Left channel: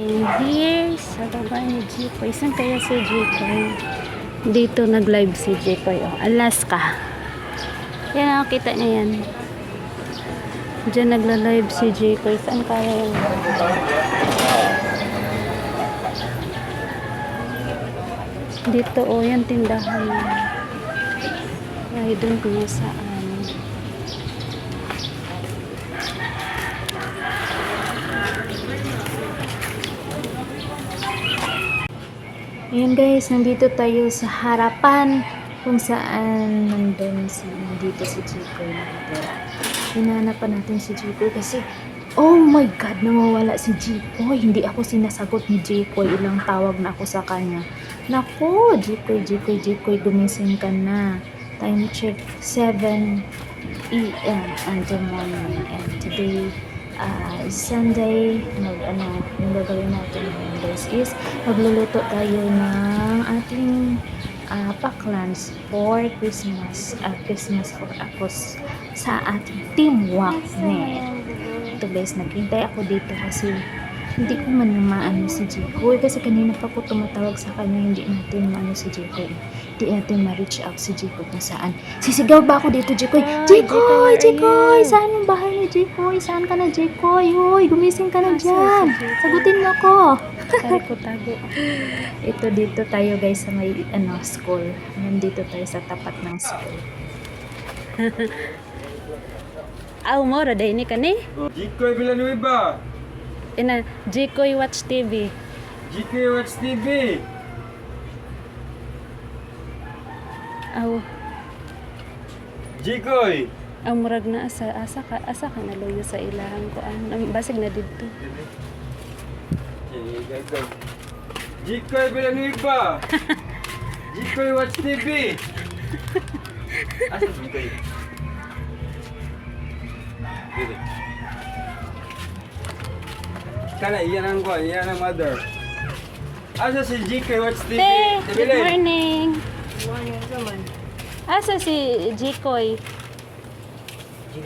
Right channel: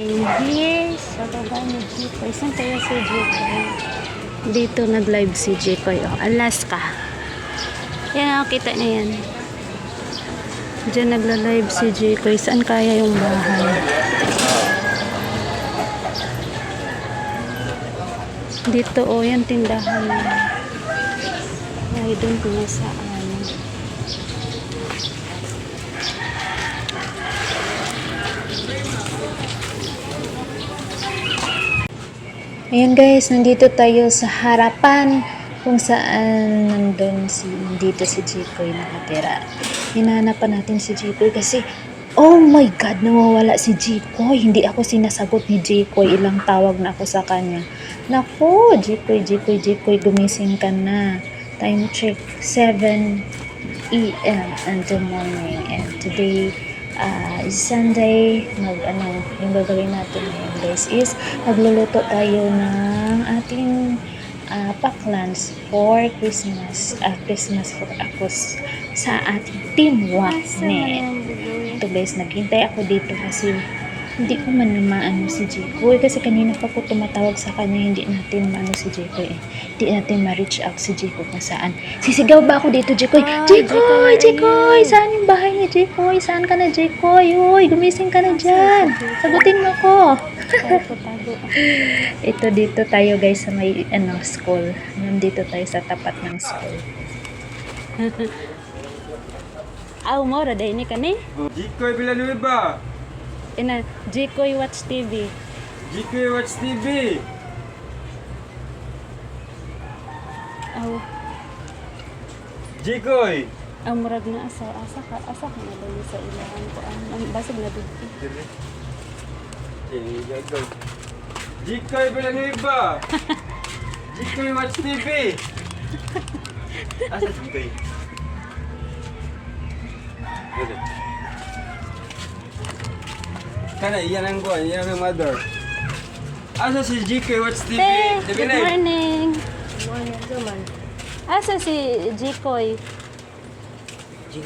And here, sa baba ni Jikoy. Saan kaya si Jikoy? Dito nag-live si Jikoy. Oh, Alaska. Yan o, kita niya yan. Diyan nagla-live si Jikoy. Saan kaya yung bahay? Dito o, yung tindahan. Ay, doon kung nasaan. Ayan guys, nandito tayo sa harapan kung saan nandito si Jikoy nakatira. Hinahanapan natin si Jikoy kasi oh my god, nawawala si Jikoy. Hindi ako sinasagot ni Jikoy. Ilang tawag na ako sa kanya. Naku, Jikoy, gumising ka na. Time check, 7 a.m. until morning. And today is Sunday. Yung gagawin natin ngayon guys is magluluto tayo ng ating paklans for Christmas. Christmas for ako sa ating Team Wakne. Ito guys, naghintay ako dito kasi hindi ko man maano si Jikoy kasi kanina pa ko tumatawag sa kanya, hindi natin maano si Jikoy hindi natin ma-reach out si Jikoy kung saan. Sisigaw ba ako dito, Jikoy? Jikoy! Saan yung bahay ni Jikoy? Saan ka na, Jikoy? Uy, gumising ka na dyan. Sagutin mo ko. Tago. Ito dito tayo guys sa may school. Nandito tayo sa tapat ng school. Mora dahil ni ka ni? Jikoy Villanueva. Jikoy Watch TV. Jikoy Watch TV. Jikoy. Murag na asa ka na lang sa ilang kuan. Basig na dito. Jikoy Villanueva. Jikoy Watch TV. Asa Jikoy? Dito. Kana iyan ang kuan, iyan ang mother. Asa si Jikoy Watch TV? Good morning. Good morning naman. Asa si Jikoy?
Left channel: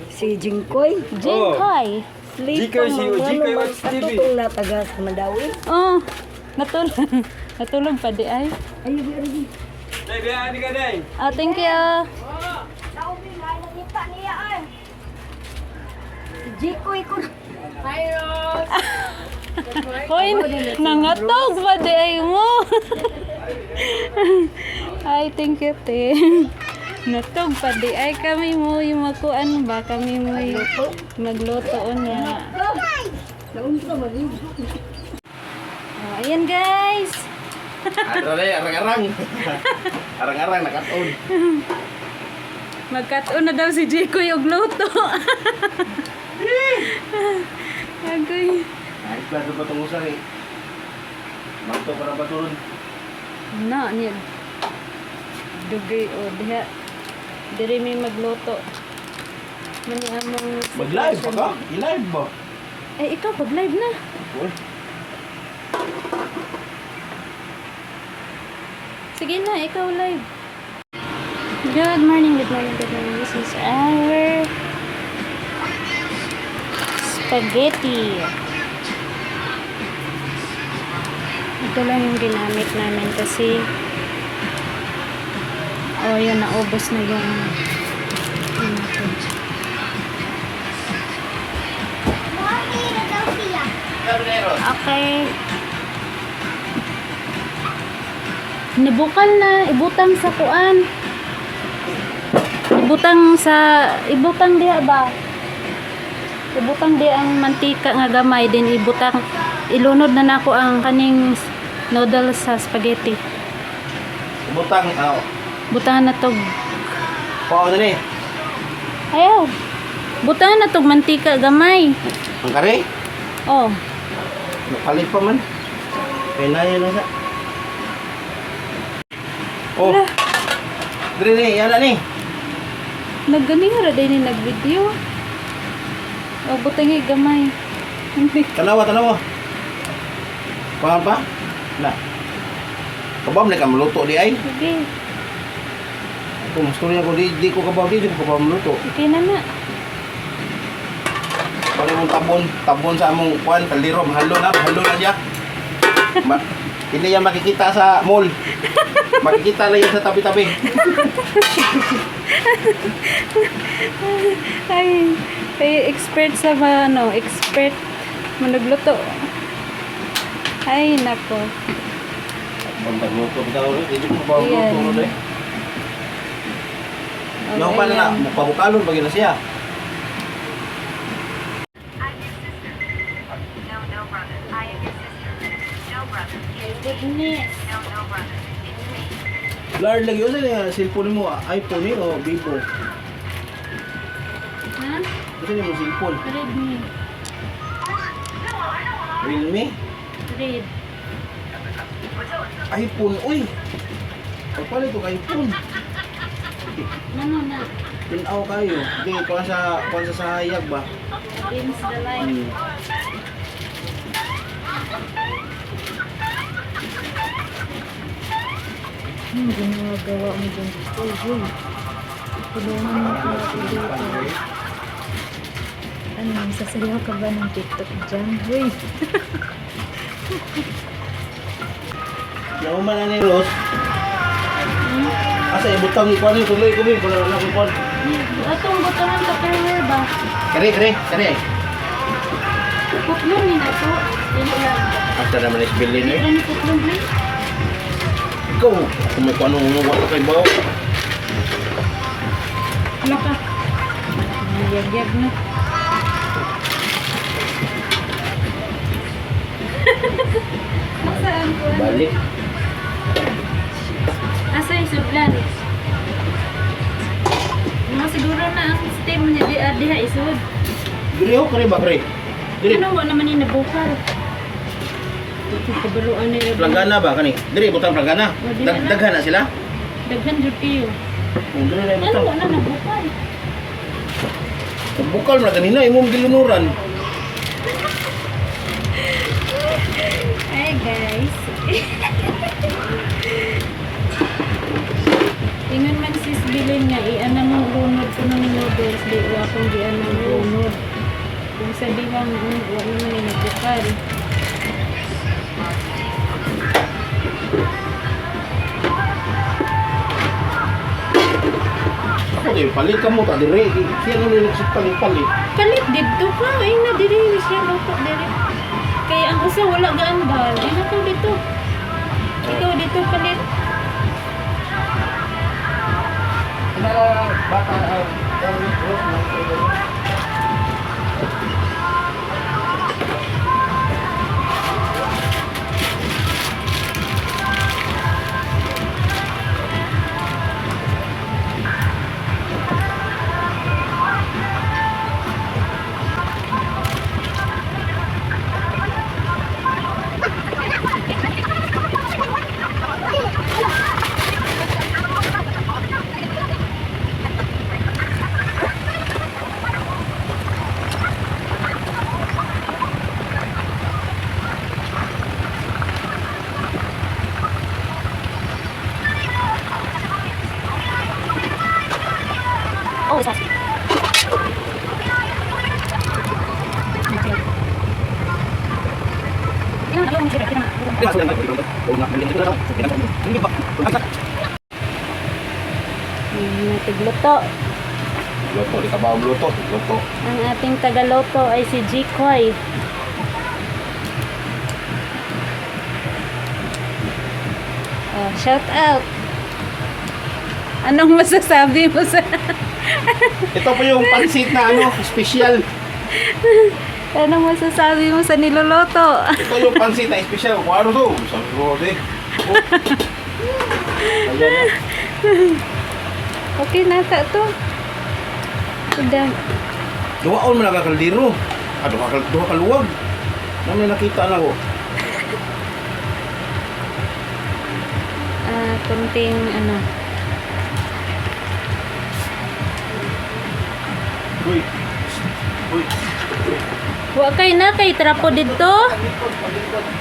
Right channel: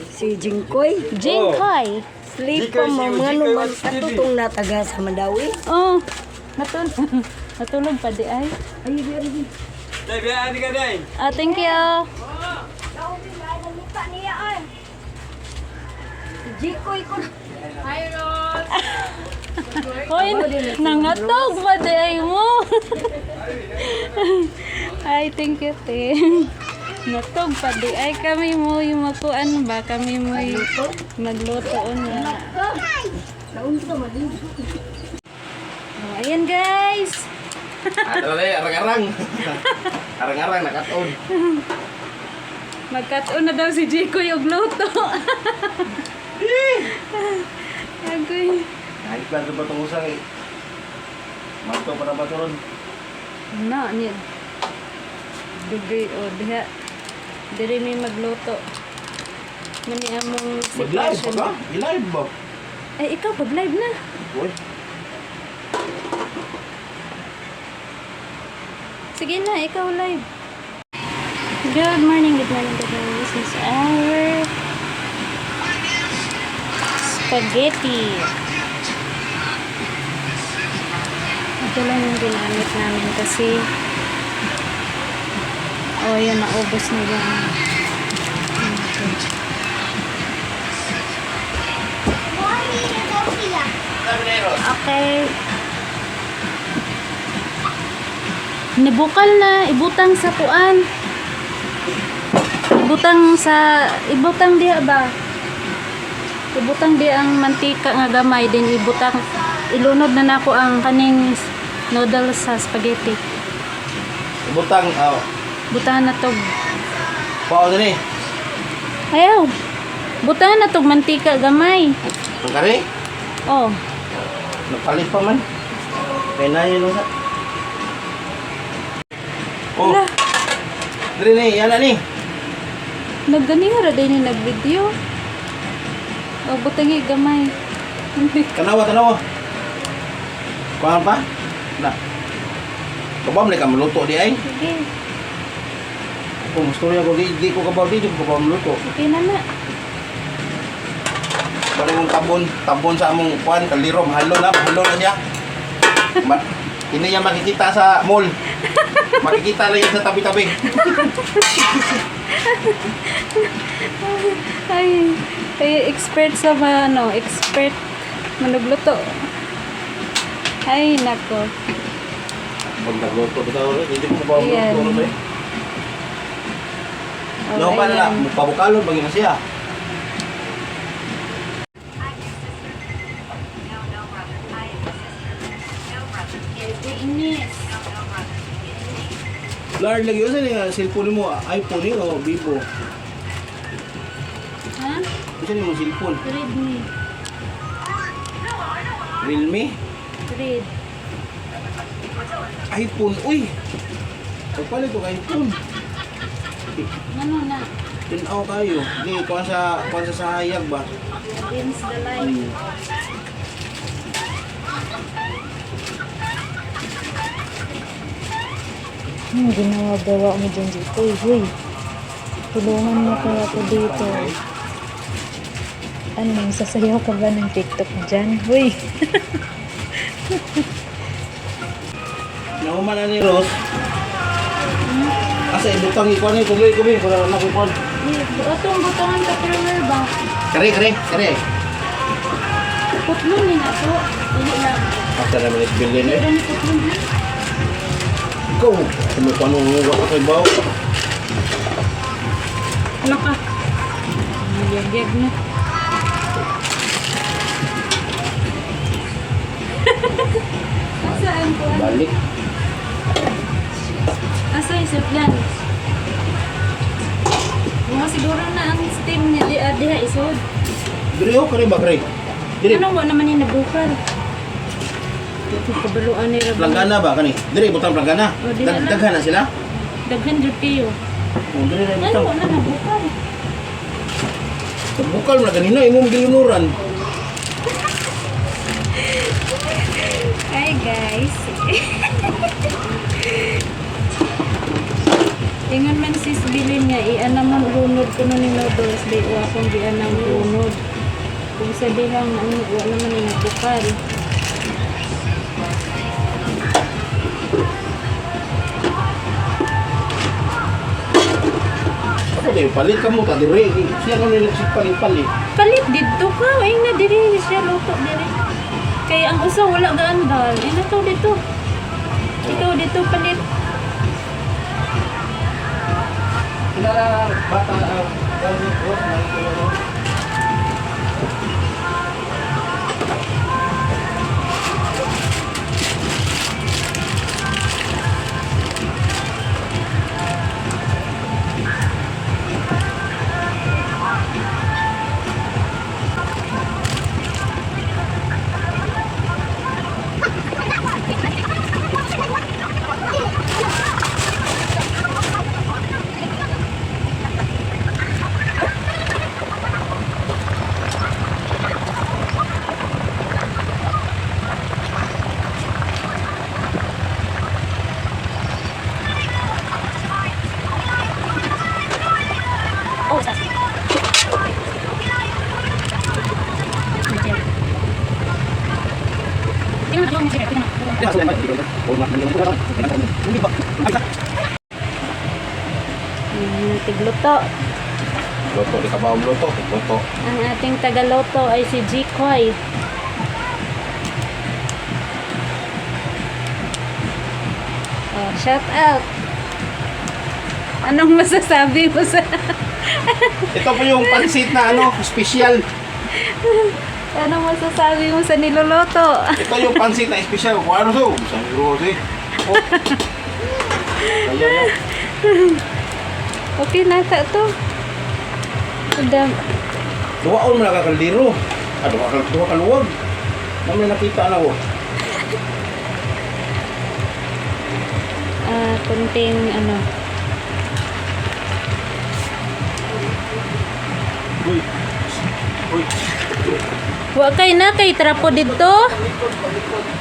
Si Jingkoy. Jikoy. Sleep Jikoy, pa si mga Jikoy naman Watch ako TV. kung nataga sa Madawi. Oh, natulog pa di ay. Dai, biya ani ka dai. Thank you. Jikoy ko. Hoy, nangatog pa di ay mo. Ay, thank you, te. Natog pa di ay kami mo yung makuan ba? Kami mo magluto na. Naun ka maligo. Oh, ayan guys. Arang-arang. Arang-arang nakataon. Magkataon na daw si Jikoy og luto. Agoy. Ay, klaro ba itong usang eh? Magto para ba ito ron? Na, ni dugay o diha. Diri may magluto. Mani among Mag-live sitwasyon. ba ka? I-live ba? Ikaw pag-live na. Uy. Sige na, ikaw live. Good morning. This is our spaghetti. Ito lang yung ginamit namin kasi yun, naubos na yung okay. Nibukal na, ibutang sa kuan. Ibutang diha ba? Ibutang di ang mantika nga gamay, din ilunod na nako ang kaning noodles sa spaghetti. Butang, Butahan na tog. pao din eh. Ayaw. Butahan na tog mantika gamay. Ang kare? Oh. Napalit pa man. Kaya na yun lang sa. Oh. Wala. Dre ni, yan na ni. Nagganira din ni nagvideo. Butangi gamay. Tanawa. Kuhaan pa? Wala. Kabam na ka maluto di ay. Sige. Kung gusto niya ko di ko kabaw di ko kabaw maluto. Sige na na. Parang tabon sa among kuan, kaliro, mahalo na diya. Hindi yan makikita sa mall. Makikita na yan sa tabi-tabi. Ay, expert sa expert manugluto. Ay, nako. Bantang luto. Hindi mo ba Ayan. luto ulit? Oh, No, pala na. ayan. Mukha-mukha bagay na siya. Lard lagi yun sa cellphone mo, iPhone o Vivo. Ha? Kasi mo cellphone. Redmi. Realme? Red. iPhone, uy! Ay pala ito iPhone. Ano na? Tinaw kayo. Hindi, kuha sa hayag ba? Against the light. Ginawa-gawa mo dyan dito. Uy, tulungan mo kaya ako dito. Ano, sasayaw ka ba ng TikTok dyan? Uy, Nauman na ni Rose. Asa ibutang ikaw ni tuloy ko bin para wala ko kon. atong butangan ka thriller ba? Kare. Kutlong ni na to. Dili lang. Asa naman is billion Dili eh. lang kutlong ni. Ikaw, kung may paano mo wala kay bao. Ano ka? Yag-yag na. Saan ko? Balik. Asa yung sudlan? Mga siguro na ang steam niya diha isod. Dire ho kare ba kare? Dire Ano wa naman yung nabukal? Ito kabaluan ni Rabbi. planggana ba kani? Dire butang planggana. Oh, di na. Daghan na sila. Daghan dutiyo. Oh, dire na Ano butang. wa na nabukal? Bukal na kanina imong gilunuran. Hi guys. Tingnan man sis bilin nga iana mo lunod ko ng noodles di wa akong gianang lunod. Kung sabi lang ano wa naman yung nagbukal. Ako din palit ka mo ta dire. Siya no nilisip palit. Palit dito ka, ay na diri siya luto diri. Kaya ang usa wala gaandal. Ina to dito. Ito dito palit. Oh, sas. Tingnan ako yung sira, tingnan. Natigluto. Loto, di ka ba loto? Loto. Ang ating tagaloto ay si Jikoy. Oh, shout out. Anong masasabi mo sa... Ito po yung pansit na special. Anong masasabi mo sa niloloto? Ito yung pansit na special. Kung ano to? Sabi ko kasi. Oh. Ayan na. Okay na ka to. Udam. Duwaon mo nakakaldiro. Duwa kaluwag. Ano nakita na ko? Kunting ano. Uy. Uy. Wa kay na kay trapo dito.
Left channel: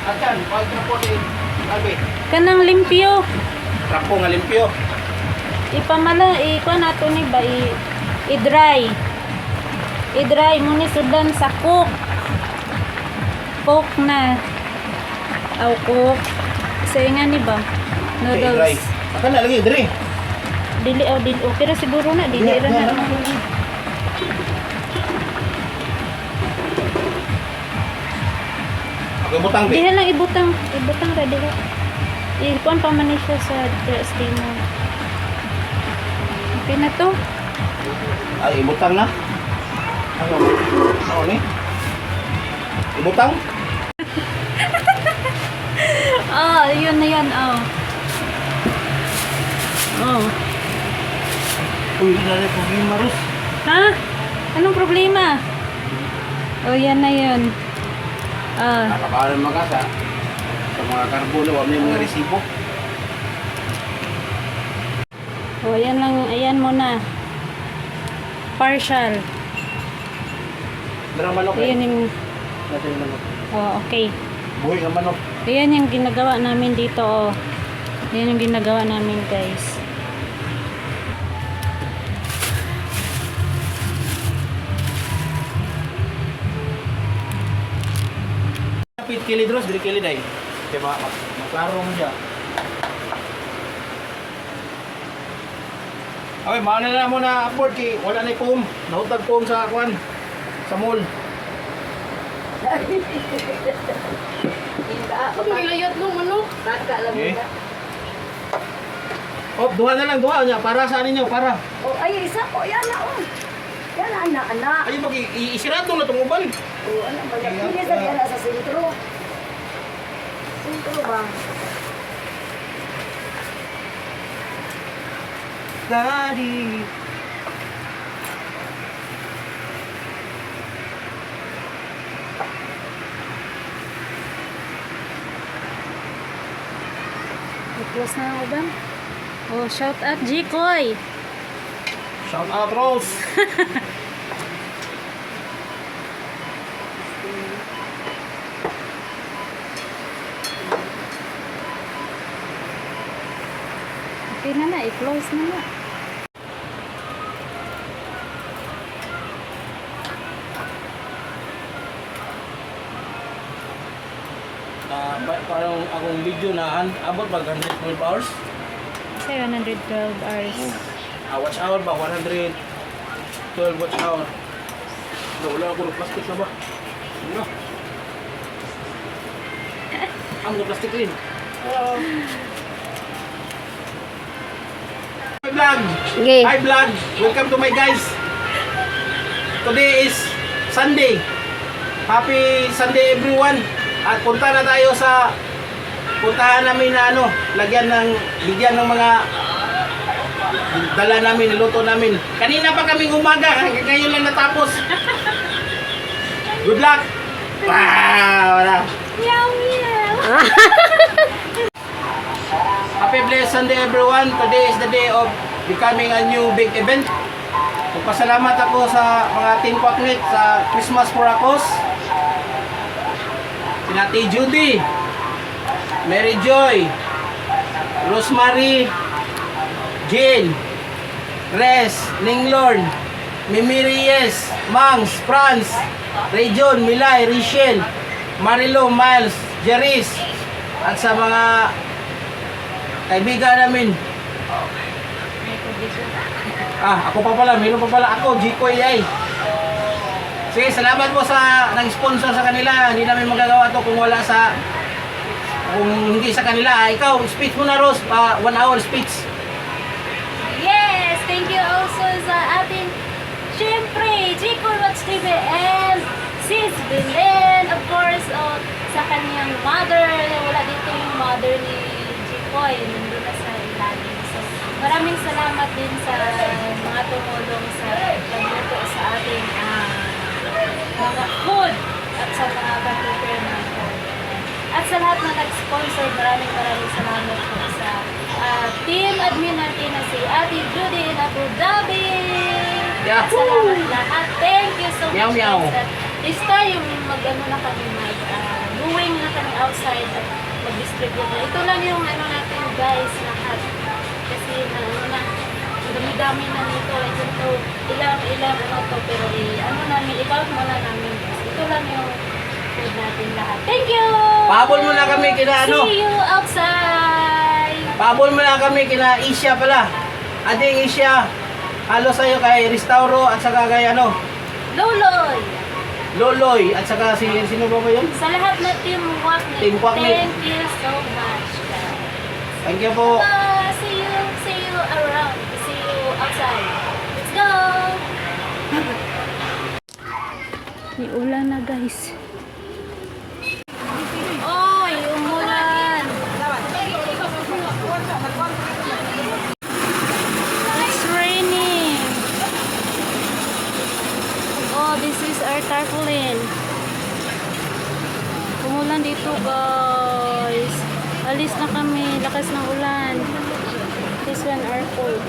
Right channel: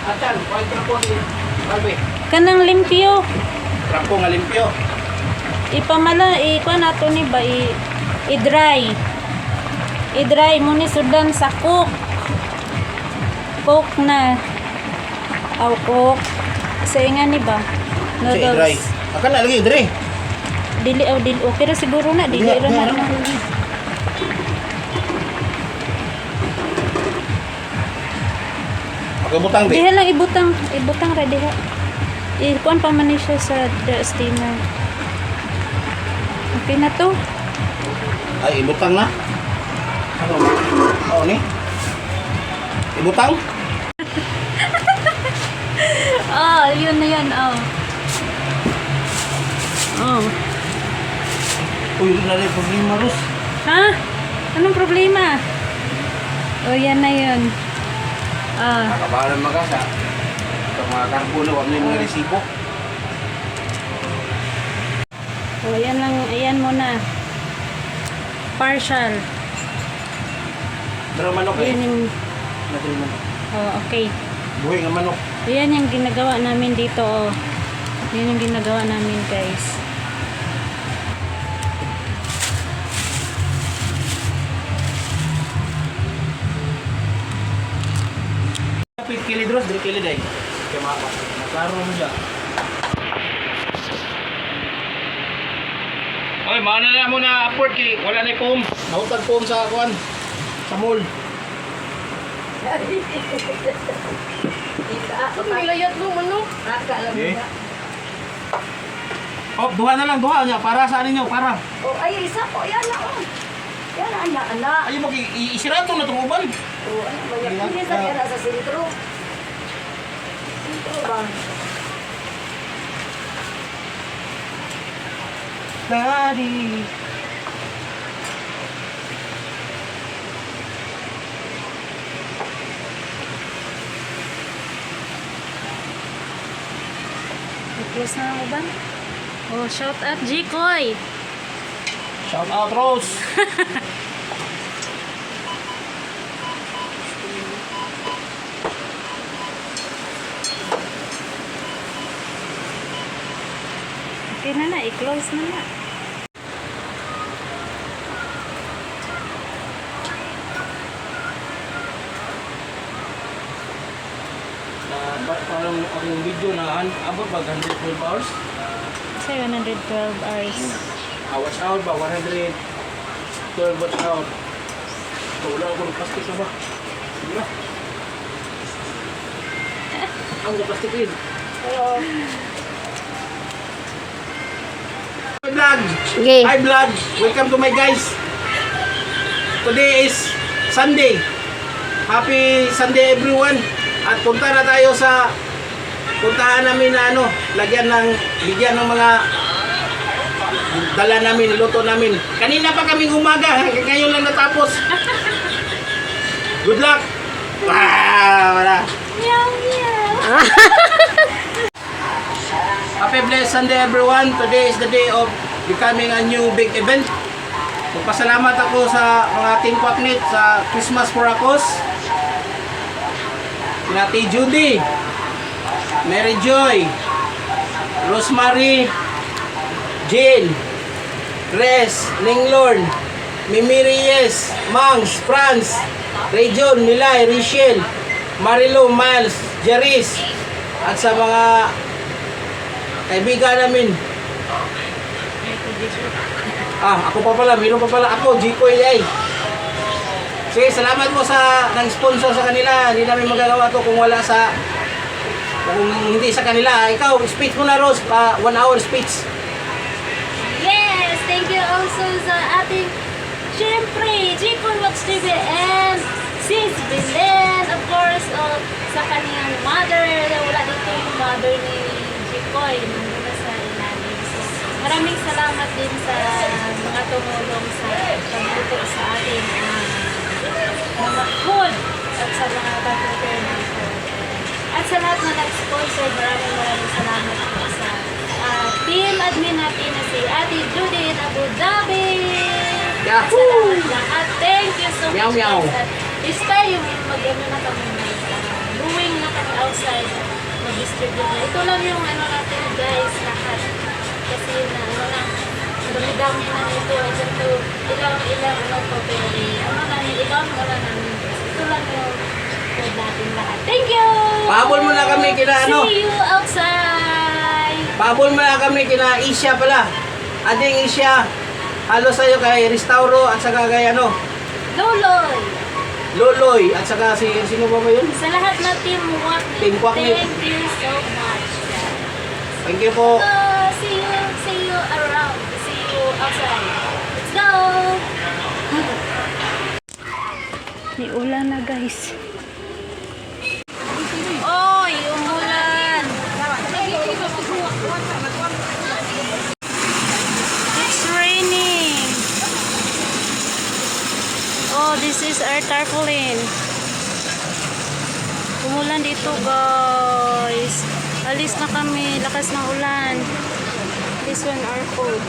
Akan, pag trapo ni Albe. Kanang limpyo. Trapo nga limpyo. Ipamala kuan nato ni ba i-dry. I-dry mo ni sudan sa cook. Cook na. Aw cook. Sa nga ni ba? Say dry. Noodles. Akan na lagi dire. Dili dili. Okay ra siguro na dili Diha, ra diha na. na. Okay, butang Diha di. lang ibutang ra diha. Ikuan pa man ni siya sa destino. Okay na to. Ay, ibutang na. Ano? Ano ni? Ibutang? Ah, yun na yan. Oh. Oh. Uy, wala na problema, Ros. Ha? Anong problema? Oh, yan na yun. Ah. Nakabaran magasa. Sa mga karbono, wala may mga resibo. Oh, yan lang. Ayan mo na. Partial. Dara manok eh. Ayan yung... Nasa yung manok. Oh, okay. Buhay nga manok. Ayan yung ginagawa namin dito. Oh. Yan yung ginagawa namin, guys. Kapit kilid, Ros. Dili kilid ay. Kaya maklaro mo dyan. Ay, maana na mo na upward kay wala na foam. Nautag foam sa kwan. Sa mall. Nilayot mo, manok. Baka lang Eh. nila. Oh, duha na lang, duha niya. Para sa ninyo, para. Oh, ay, isa po. Yan na, oh. Yan na, anak, anak. Ay, isirato na itong uban. Oh, ano ba yan? Hindi sa kaya nasa sentro. Sentro bang? Daddy. I-close na ang uban. Oh, shout out, Jikoy. Shout out, Rose. Okay na, i-close na. Parang akong video na abot ba 112 hours? Kasi 112 hours. Watch hour ba? 112 watch hour. So, wala ako ng plastic na ba? Sige ba? Ang plastic rin. Hi vlog! Sige. Hi vlog! Welcome to my guys! Today is Sunday. Happy Sunday everyone! At punta na tayo sa puntahan namin na bigyan ng mga dala namin, luto namin. Kanina pa kaming umaga, ngayon lang natapos. Good luck! Wala. Meow, meow. Happy blessed Sunday everyone. Today is the day of becoming a new big event. Magpasalamat ako sa mga Team Quacknet sa Christmas for Akos. Sinati Judy, Mary Joy, Rosemary, Jane, Res, Ninglorn, Mimi Reyes, Mangs, Franz, Rejon, Milay, Richelle, Marilo, Miles, Jeris, at sa mga kaibigan namin. Ako pa pala, meron pa pala ako, Jikoy ay. Sige, salamat po sa nag-sponsor sa kanila. Hindi namin magagawa to kung hindi sa kanila. Ikaw, speech mo na, Rose, 1 hour speech. Yes, thank you also sa ating syempre, Jikoy Watch TV and Sis Belen, of course, sa kaniyang mother. Wala dito yung mother ni Jikoy, nandun na sa ilalim. So, maraming salamat din sa mga tumulong sa pagluto sa ating mga food at sa mga pag-prepare ng food. At sa lahat na nag-sponsor, maraming salamat po sa team admin natin na si Ate Judy in Abu Dhabi. At sa lahat. Thank you so much. Meow, meow. Guys. This time, na kami going na kami outside, mag-distribute na. Ito lang yung natin guys, lahat. Kasi dami-dami na nito. Ilang to, pero namin, i-count mo na namin. Ito lang yung food natin lahat. Thank you! Pahabol mo na kami kina ano? See you outside! Pahabol mo na kami kina Isya pala. Ading Isya. Halo sa'yo kay Restauro at saka kay ano? Loloy! Loloy at saka sino ba yun? Sa lahat na Team Waknit. Team Waknit. Thank you so much, guys. Thank you po. See you around. See you outside. Let's go! May ulan na, guys. Oy, umulan! It's raining! Oh, this is our tarpaulin. Umulan dito, guys. Alis na kami. Lakas ng ulan. This one our coat.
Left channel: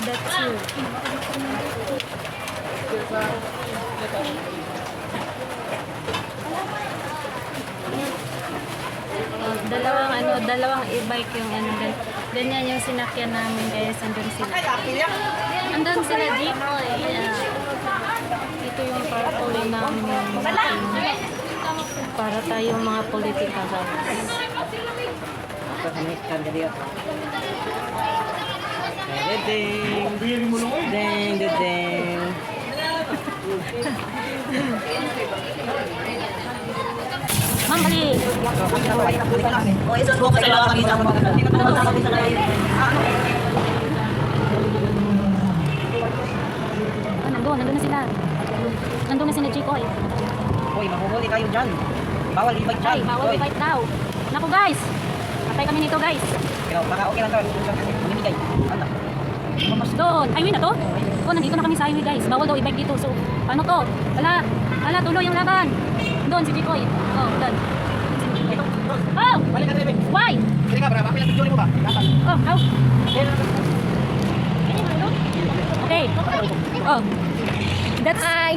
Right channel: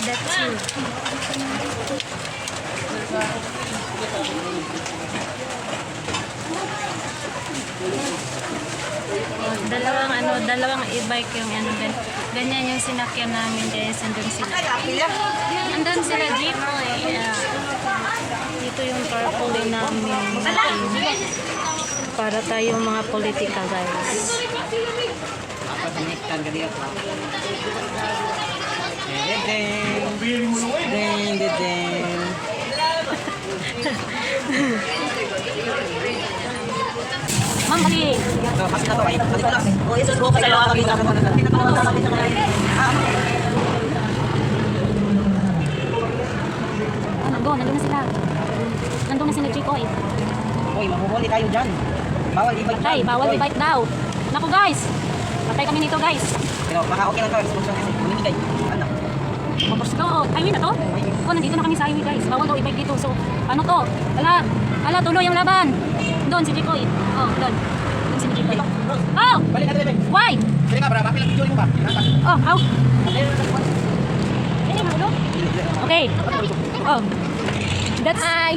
That's you. Oh, dalawang e-bike yung ganyan yung sinakyan namin, guys. Andun sila. Andun sila, Jeepoy. Yeah. Ito yung tarpaulin namin. Para tayong mga political, guys. Patanektan ka diya. Ding ding ding ding. Ma'am, bali. Nandun na sila. Nandun na sila, Jikoy. Uy, mahuhuli kayo dyan. Bawal i-bike dyan. Ay, bawal i-bike now. Naku, guys. Patay kami nito, guys. Pero baka okay lang to. Mamimigay. Ano? Doon. Highway na to? Oh, nandito na kami sa highway, guys. Bawal daw i-bike dito. So, ano to? Ala, tuloy yung laban. Doon si Jikoy. Oh, doon. Si Jikoy. Oh! Balik ka dito. Why? Dili ka bra, bakit lang video mo ba? Dapat. Oh, how? Okay. Oh. That's hi.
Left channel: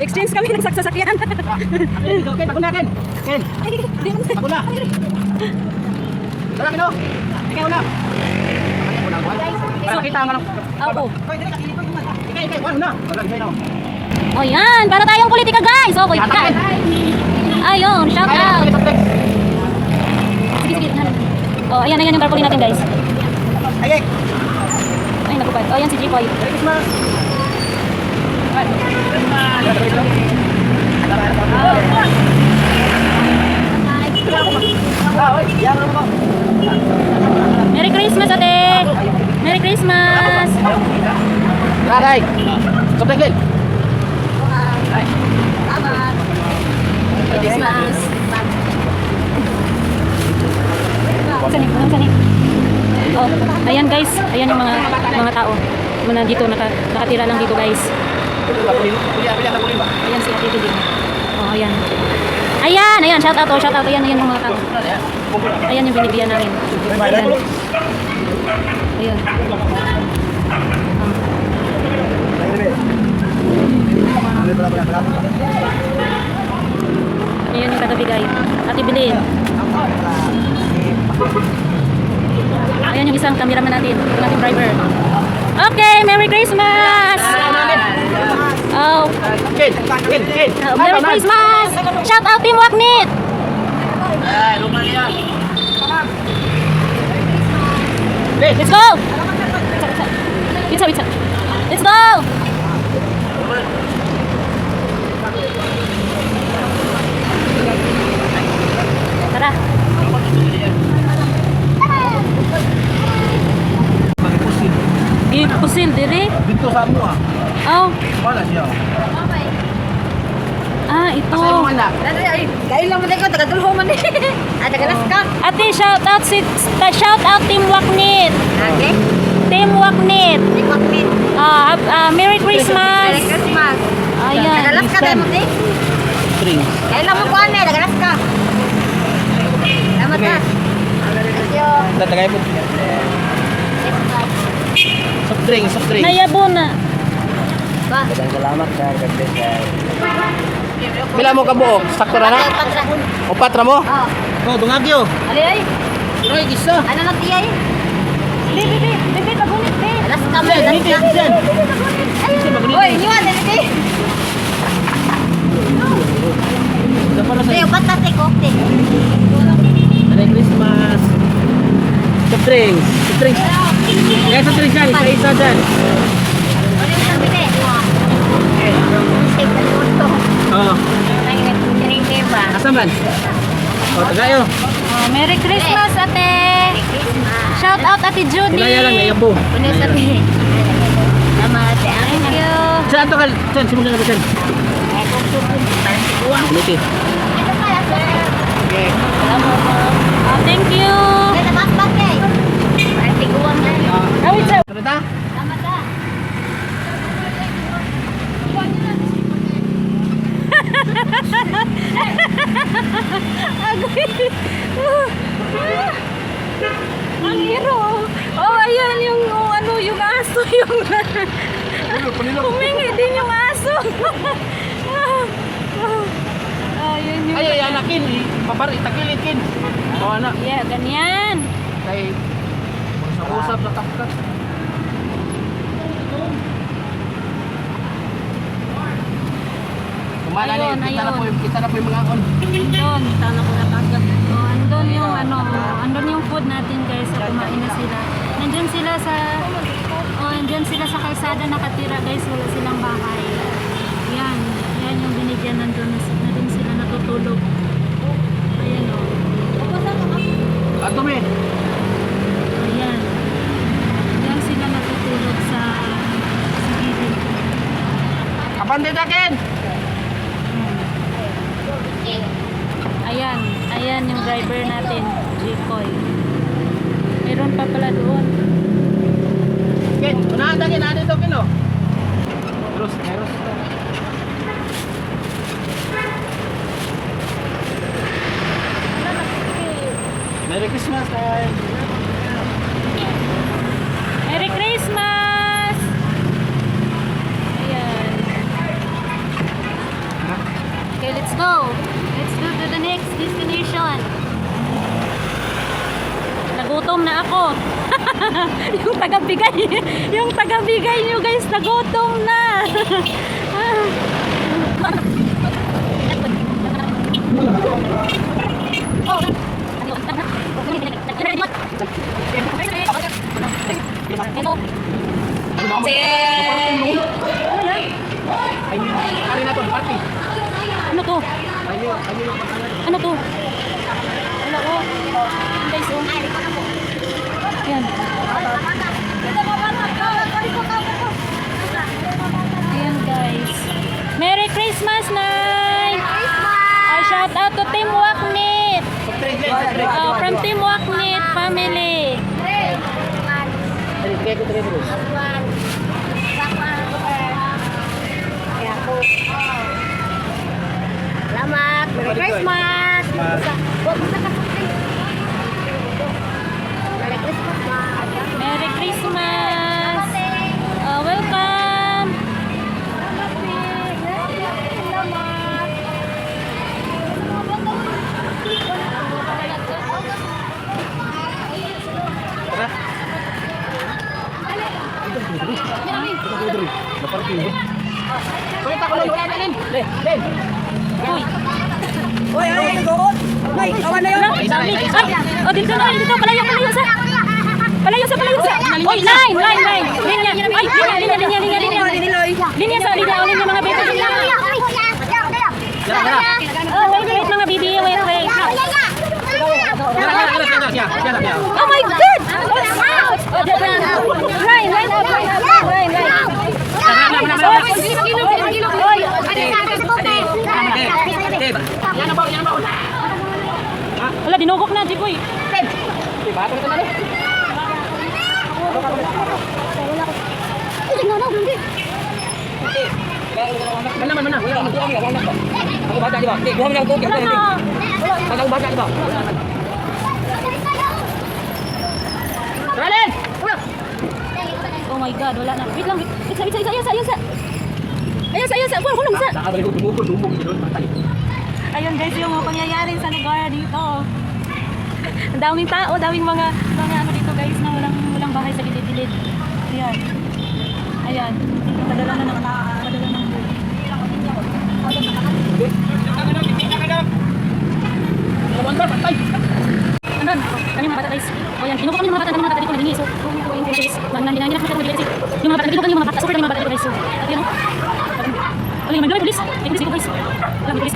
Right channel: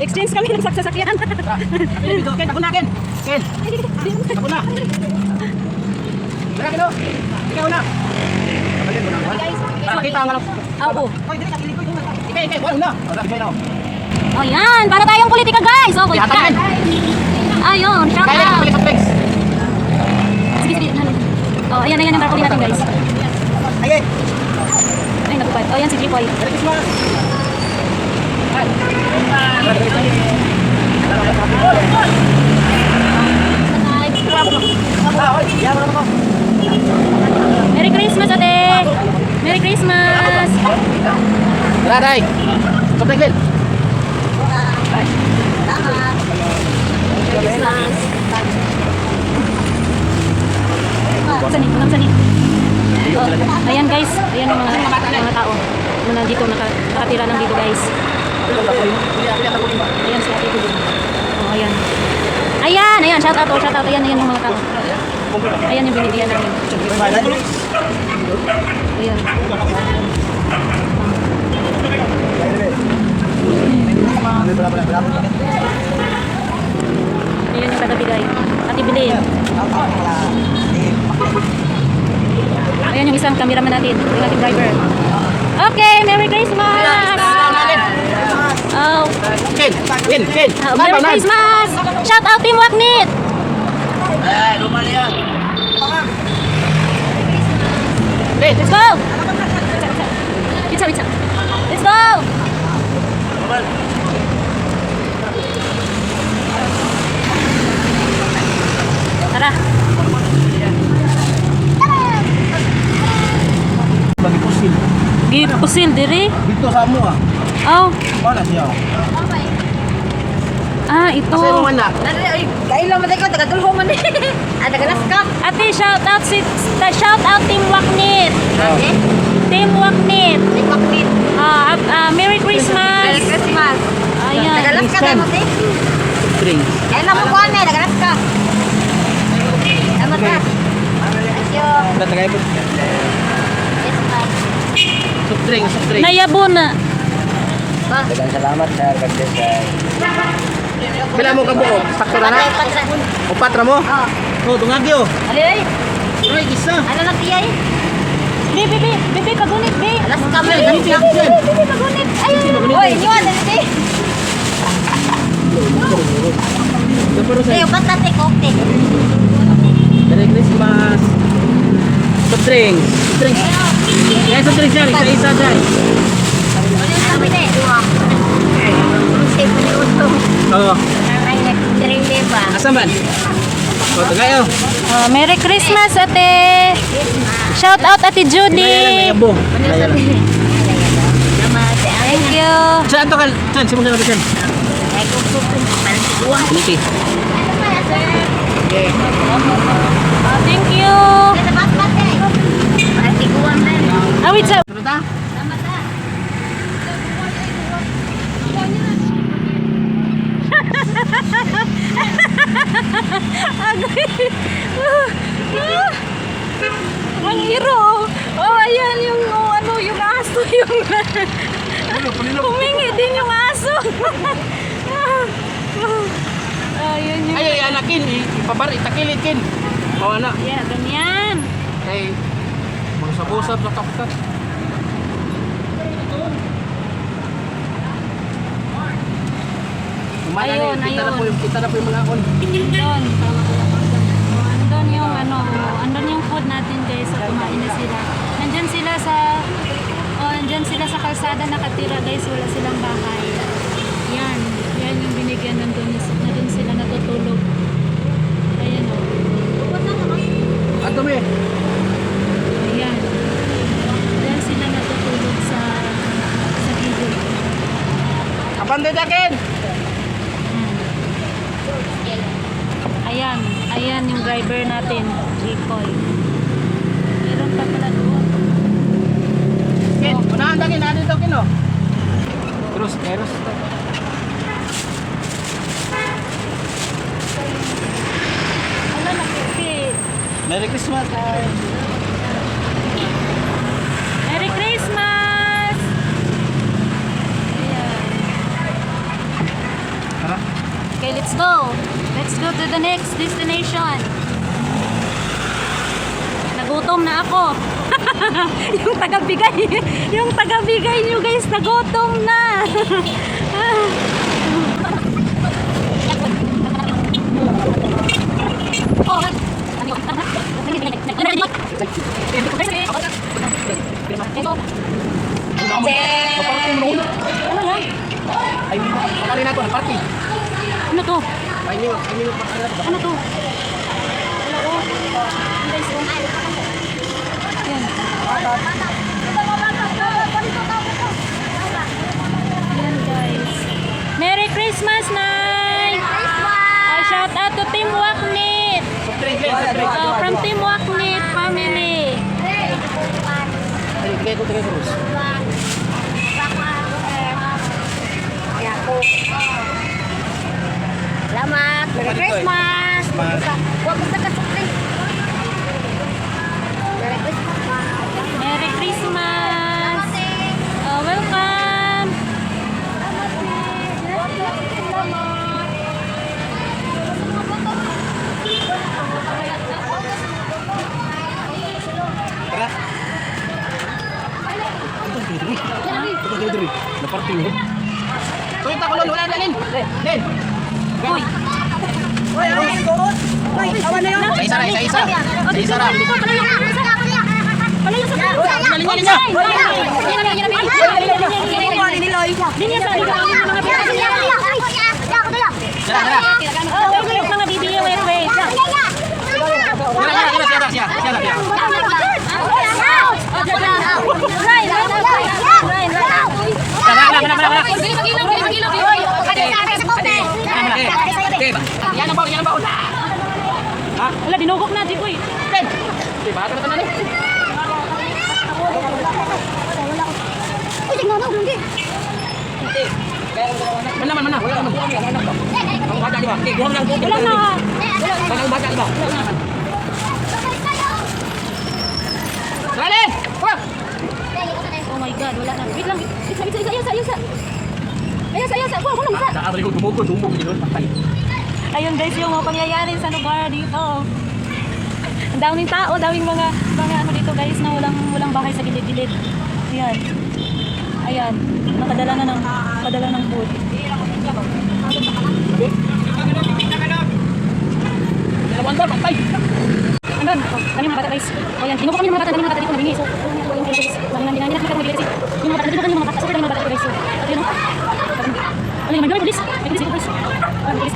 Exchange kami ng saksasakyan. Ken, ako na Ken. Ken. Ako na. Dala Ken. Ikaw na. Para kita ang ano. Oo. Hoy, dili ka dito. Ikaw, wala na. Wala na. Oh, yan. Para tayong politika, guys. Oh, wait. Ayun, shout out. Sige, sige. Oh, ayan yung tarpaulin natin, guys. Ay, Ay, nagupad. Oh, yan si Jikoy. Merry Christmas. Merry Christmas, ate. Merry Christmas. Daday. Sobrang din. Saan ni? Oh, ayan, guys. Ayan yung mga tao. Mga dito, nakatira lang dito, guys. Ayan si Ate Tudin. Oh, ayan. Ayan. Shout out. Ayan yung mga tao. Ayan yung binibigyan namin. Ayan. Ayan yung taga-bigay. Ate Bilin. Ayan yung isang cameraman natin. Yung ating driver. Okay, Merry Christmas! Oh, Ken. Merry Christmas! Shout out Team Waknit! Ay, Romania. Let's go! Pizza. Let's go! Tara. Bagi pusin. Gipusin diri. Dito sa amo ah. Oh, Wala siya. ito. Kasi mo na. Kain lang matay ko, taga-dulho man eh. Taga-Alaska. Ate, shout out Team Waknit. Ate? Team Waknit. Ikwaknit. Merry Christmas. Merry Christmas. Ayan. Taga-Alaska tayo mo eh. Drink. Kain lang mo ko ane, taga-Alaska. Salamat ka. Thank you. Tagay mo. Christmas. Soft drink. Nayabo na. Ba? Salamat sa pag-desay. Pila mo ka buo? Sakto na na? Patra. Upat ra mo? Oh. Oh, dungagyo. Ali ay. Roy, isa. Ano lang tiyay? Bibi, pagunit, be. Alas kamay. Bibi, pagunit. Ayun. Oy, niwan, hindi. Pero ba't natin kokte? Merry Christmas. Soft drinks. Soft drinks. Yan, soft drinks dyan. Isa-isa dyan. Sabi na eh. Ang safe ang luto. Oo. Ang nag-drink ba? Asa man? O, tagayo. Oh, Merry Christmas, ate. Shout out, ate Kinaya lang, Judy. yabong. Ano sabi? Salamat. Thank you. Saan ito ka? Saan? Simulan na ba dyan? Ay, kung supin. Parang siguang. Piliti. Ano kaya, sir? Oh, thank you. Salamat natin. Parang siguang na. Oh, wait, sir. Ano ta? Salamat ha. Ang hero. Oh, ayan yung ano, yung aso yung humingi din yung aso. Oh, yun yung Ay, anakin. Ipabar, itakilid, kin. Oo, anak. yeah, ganyan. Ay, busap-busap sa kapkat. Kumana Ayun, na, ayun. kita na po yung mga on. Andun. Oh, andun yung ano, andun yung food natin guys, sa kumain na sila. Nandyan sila sa nandyan sila sa kalsada nakatira guys, wala silang bahay. Yan, yan yung binigyan nandun na din sila natutulog. Ayan oh. Ato me. Ayan. Diyan sila matutulog sa gilid. Abandit akin! Hmm. Ayan, ayan yung driver natin, Jikoy. Meron pa pala doon. Kin, unahan takin, natin ito, kin, oh. Eros, eros. Wala na pipit. Merry Christmas, guys. Merry Christmas! Ayan. Tara. Okay, let's go. Let's go to the next destination. Nagutom na ako. yung tagabigay nyo guys, nagutom na. Ano yan? Ay, pakali na ito, party. Ano to? Ay, Ano to? Wala ko. Guys, oh. Ayan. Ayan, guys. Merry Christmas, Nay! Shout out to Team Waknit! From Team Waknit family. Bigay ko 3 euros. Kaya ako. Salamat. Merry Christmas. Huwag mo sa supin. Merry Christmas, ma. Merry Christmas! Welcome! Tara. Ito, diri. Na party mo. Tuwit ako lang, wala na, Len. Len. Uy! Uy, ano yung doon? Uy, awan na yun. Isa. Oh, dito na, dito. Palayo sa palayo sa palayo sa linya sa linya ang mga baby. Oh, wait, mga baby, wait. Oh my God! Wala, dinugok na, Jiboy. Wala na. Oh my God, wala na. Wait lang, isa. Ayun guys, yung mga pangyayari sa lugar dito. Ang daming tao, daming mga ano dito guys na walang bahay sa gilid-gilid. Ayan. Ayan. Nakadala ng food. Andun, daming mga bata guys. O yan, kinuha kami ng mga bata, daming mga bata dito nalingi. So, yung guys, hindi na kita mag-ibig kasi yung mga bata, kinuha kami ng mga bata, so yung mga bata dito guys. So, at yun o. Wala yung may pulis. May pulis dito guys. Wala yung pulis.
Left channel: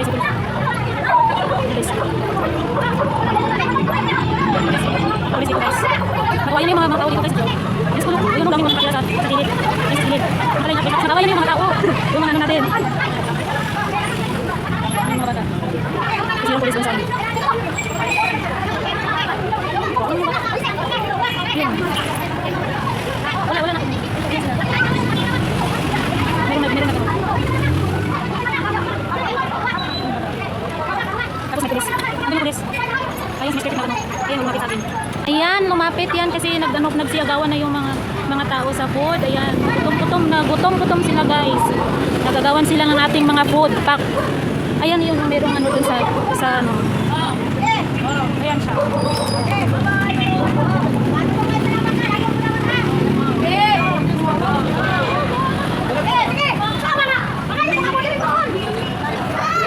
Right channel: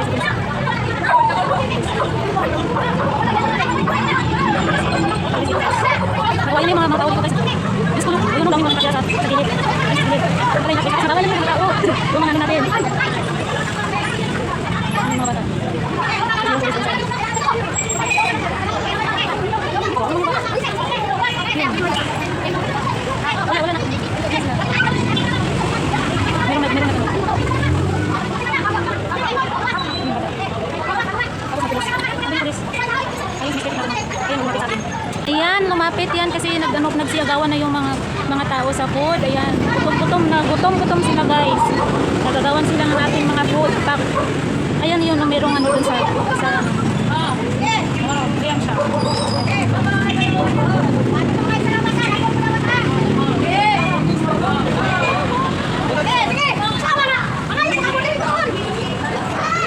Nakawain na yung mga tao dito guys. Diyos ko, ayun o, daming mga bata sa gilid. Sa gilid. Nakawain na yung mga tao. Yung mga ano natin. Yung mga bata. Yung pulis inside. Wala na. Meron na. Ayan, lumapit yan kasi nagsiyagawan na yung mga tao sa food. Ayan, gutom sila guys. Nagagawan sila ng ating mga food pack. Ayan yun, merong ano dun sa ano. Ayan siya.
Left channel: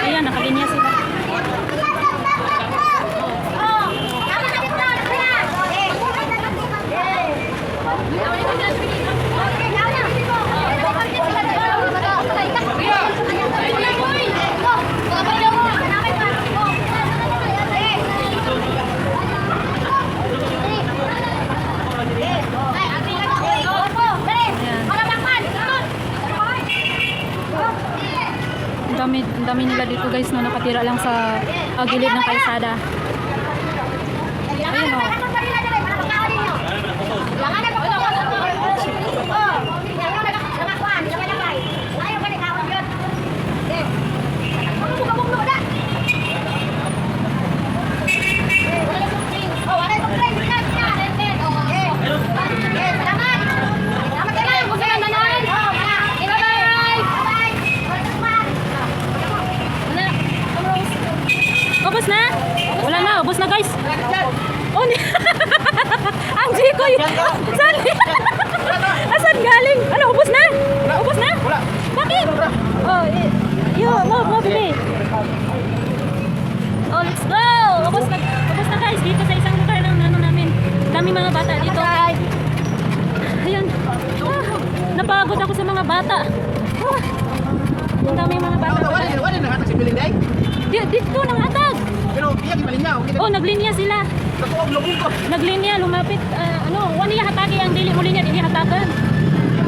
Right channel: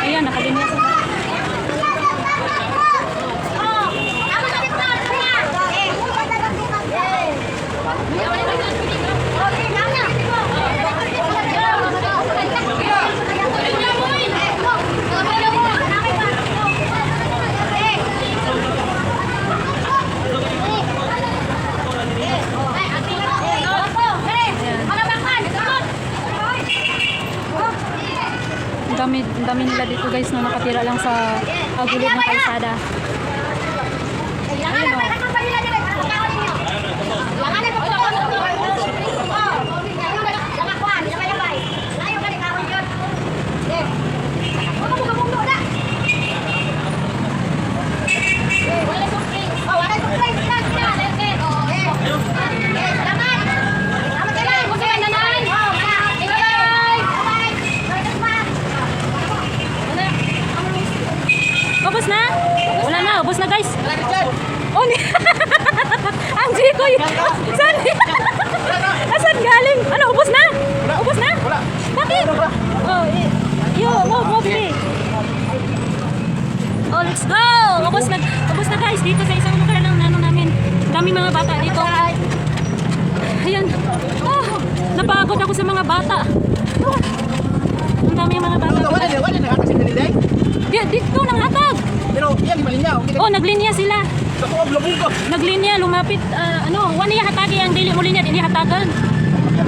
Ayan, nakalinya sila. Ang dami nila dito guys na nakatira lang sa gilid ng kalsada. Ayun o. Ubus na? Wala na, ubus na guys. Oh, ang Jikoy. Saan? Asan galing? Ano, ubus na? Ubus na? Bakit? Oh, mo bili. Oh, let's go. Ubus na guys dito sa isang lugar ng ano namin. Daming mga bata dito. Ayan. Napagod ako sa mga bata. Ang dami mga bata. Wala na kasi Belinday. Dito nang atog. Pero yan di malingaw. Oh, naglinya sila. Naglinya, lumapit. Wani hatagi ang dili mo linya, dili hatagan.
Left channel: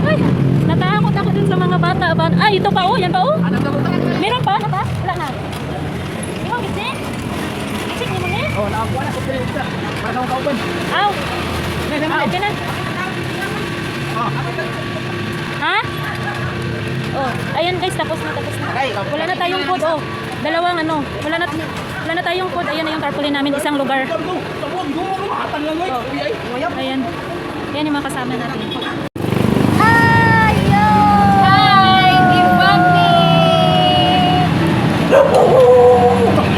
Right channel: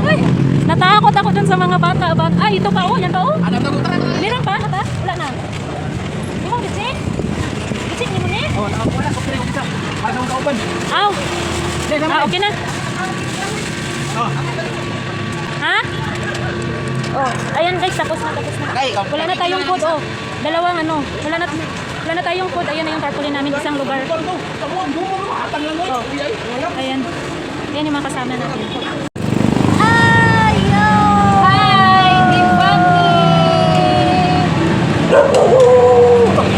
Uy, natakot ako dun sa mga bata. Ay, ito pa oh, yan pa oh. Meron pa, hata? Wala na. Di mo gitsik? Gitsik ni mo ni? Oh, wala ko pala isa. Pasang kauban. Aw. Okay na. Ha? Oh, ayan guys, tapos na. Wala na tayong food oh. Dalawang ano, wala na tayong food. Ayan na yung tarpaulin namin, isang lugar. Oh, ayan. Ayan yung mga kasama natin. Hello! Hi, Team Buggy!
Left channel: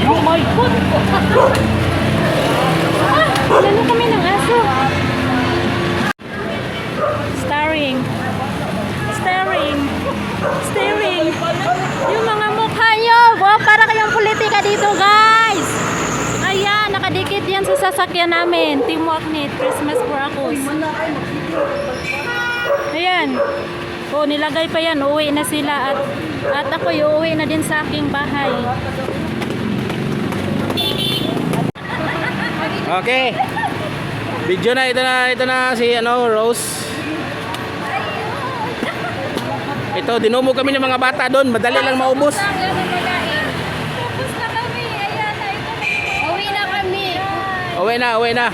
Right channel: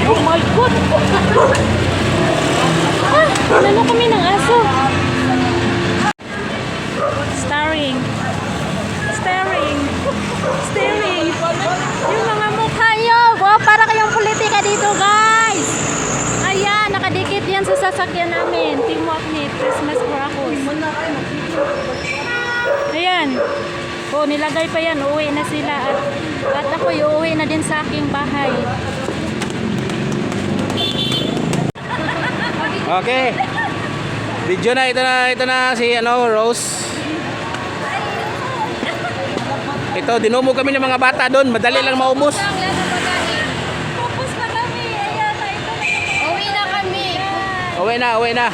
Oh my God! Lalo kami ng aso. Staring. Yung mga mukha nyo. Wow, para kayong politika dito, guys. Ayan, nakadikit yan sa sasakyan namin. Team Waknit, Christmas for Akos. Ayan. O, nilagay pa yan. Uuwi na sila. At ako, uuwi na din sa aking bahay. Okay. Video na ito na si Rose. Ito, dinumog kami ng mga bata doon. Madali lang maubos. Uwi na kami. Uwi na.